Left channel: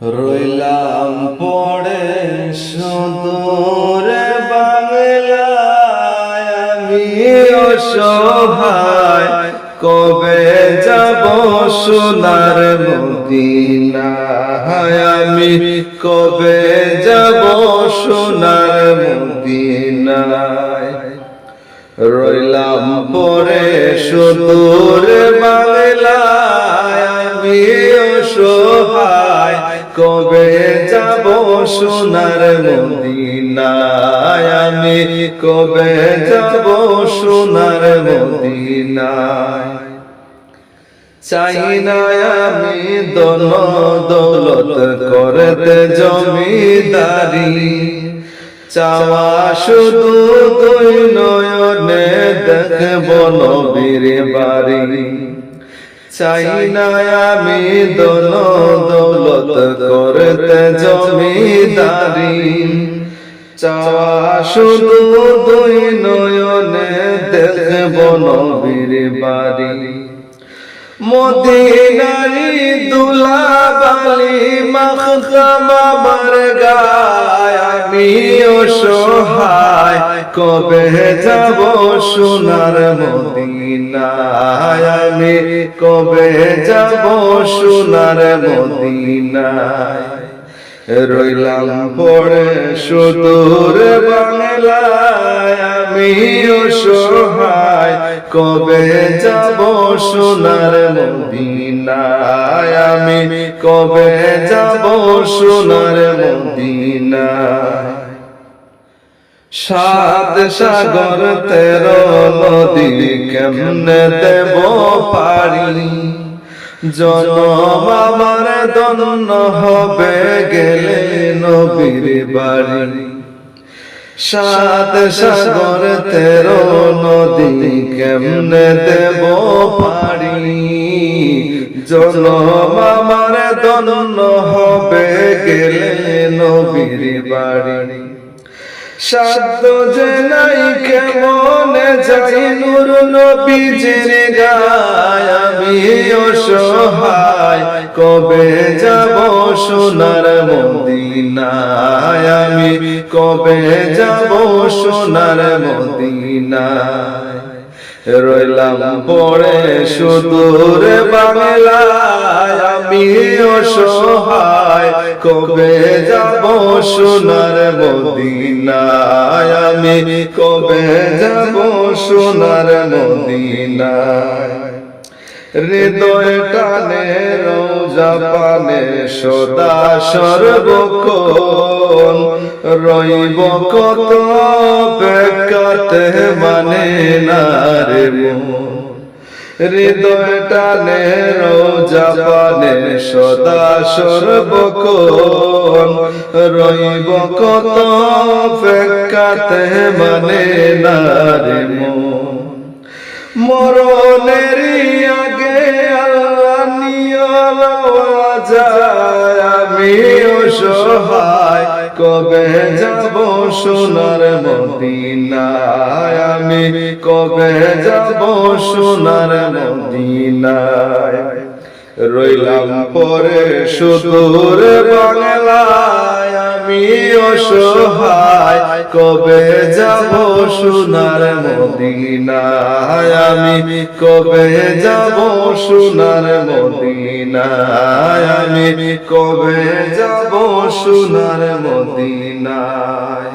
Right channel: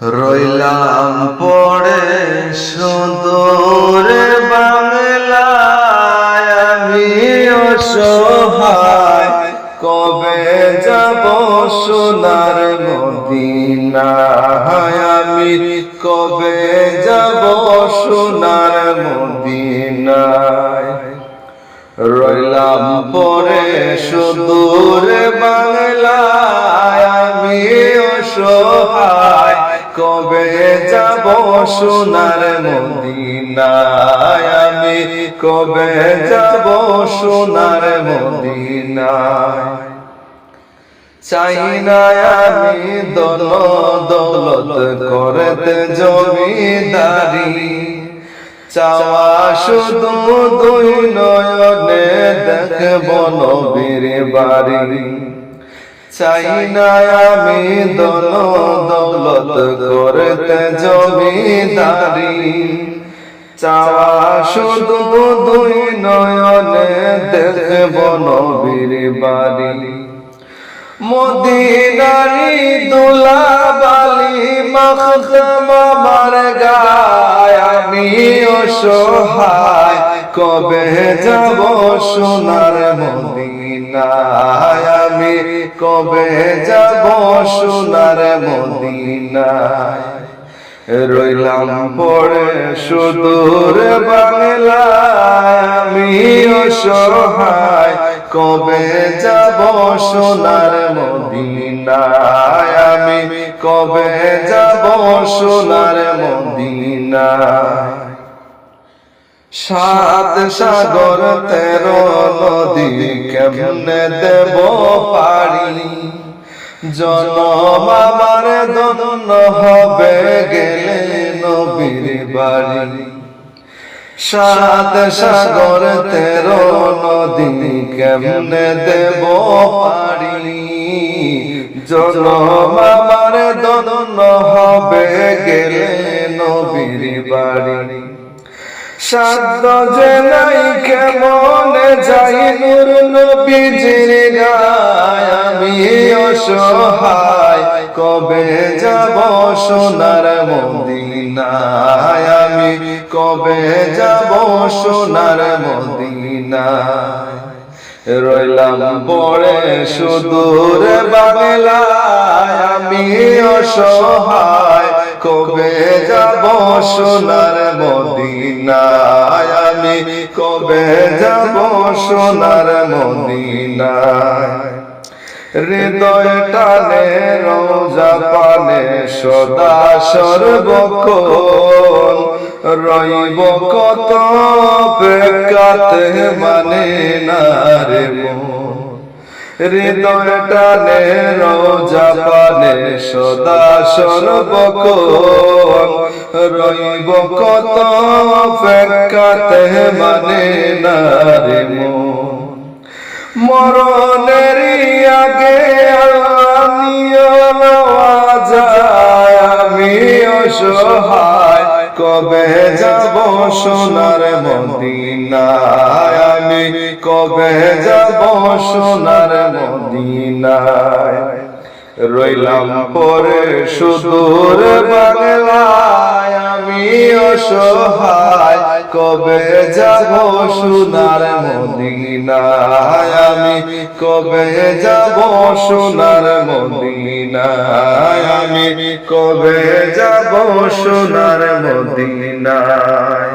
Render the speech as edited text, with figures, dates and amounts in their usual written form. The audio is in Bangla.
রইলাম পড়ে সুদূরে বাংলায়, আমি অসহায় কবে যাব সোনার মদিনায়, আমি কবে যাব সোনার মদিনায়। রইলাম পড়ে সুদূরে বাংলায়, আমি অসহায় কবে যাব সোনার মদিনায়, আমি কবে যাব সোনার মদিনায়। চাই না আমি ধন দৌলত করতে জমিদারি, চাওয়া শুধু দুই নয়নে দেখব নবীর বাড়ি। চাই না আমি ধন দৌলত করতে জমিদারি, চাওয়া শুধু দুই নয়নে দেখব নবীর বাড়ি। মদিনারি দুলাবালি মাখতাম আমার গায়, আমি অসহায় কবে যাব সোনার মদিনায়, আমি কবে যাব সোনার মদিনায়। রইলাম পড়ে সুদূর বাংলায়, আমি অসহায় কবে যাব সোনার মদিনায়, আমি কবে যাব সোনার মদিনায়। সাত সাগর 13 নদী কেমনে দেব পারি, জনম আমার ধন্য হবে গেলে নবীর বাড়ি। সাত সাগর 13 নদী কেমনে দেব পারি, জনম আমার ধন্য হবে গেলে নবীর বাড়ি। সাধ্য যে নাই কেমনে যাই নূর নবীজির গায়, আমি অসহায় কবে যাব সোনার মদিনায়, আমি কবে যাব সোনার মদিনায়। রইলাম পড়ে সুদূর বাংলায়, আমি অসহায় কবে যাব সোনার মদিনায়, আমি কবে যাব সোনার মদিনায়। হৃদয় টানে রোজা পানে সদা সর্বক্ষণ, রইব কত অপেক্ষাতে মানে না রে মন। হৃদয় টানে রোজা পানে সদা সর্বক্ষণ, রইব কত অপেক্ষাতে মানে না রে মন। মরণেরই আগে যায়, আমি অসহায় কবে যাব সোনার মদিনায়, আমি কবে যাব সোনার মদিনায়। রইলাম পরে সুদূর বাংলায়, আমি অসহায় কবে যাব সোনার মদিনায়, আমি কবে যাব সোনার মদিনায়, আমি কবে যাব সোনার মদিনায়।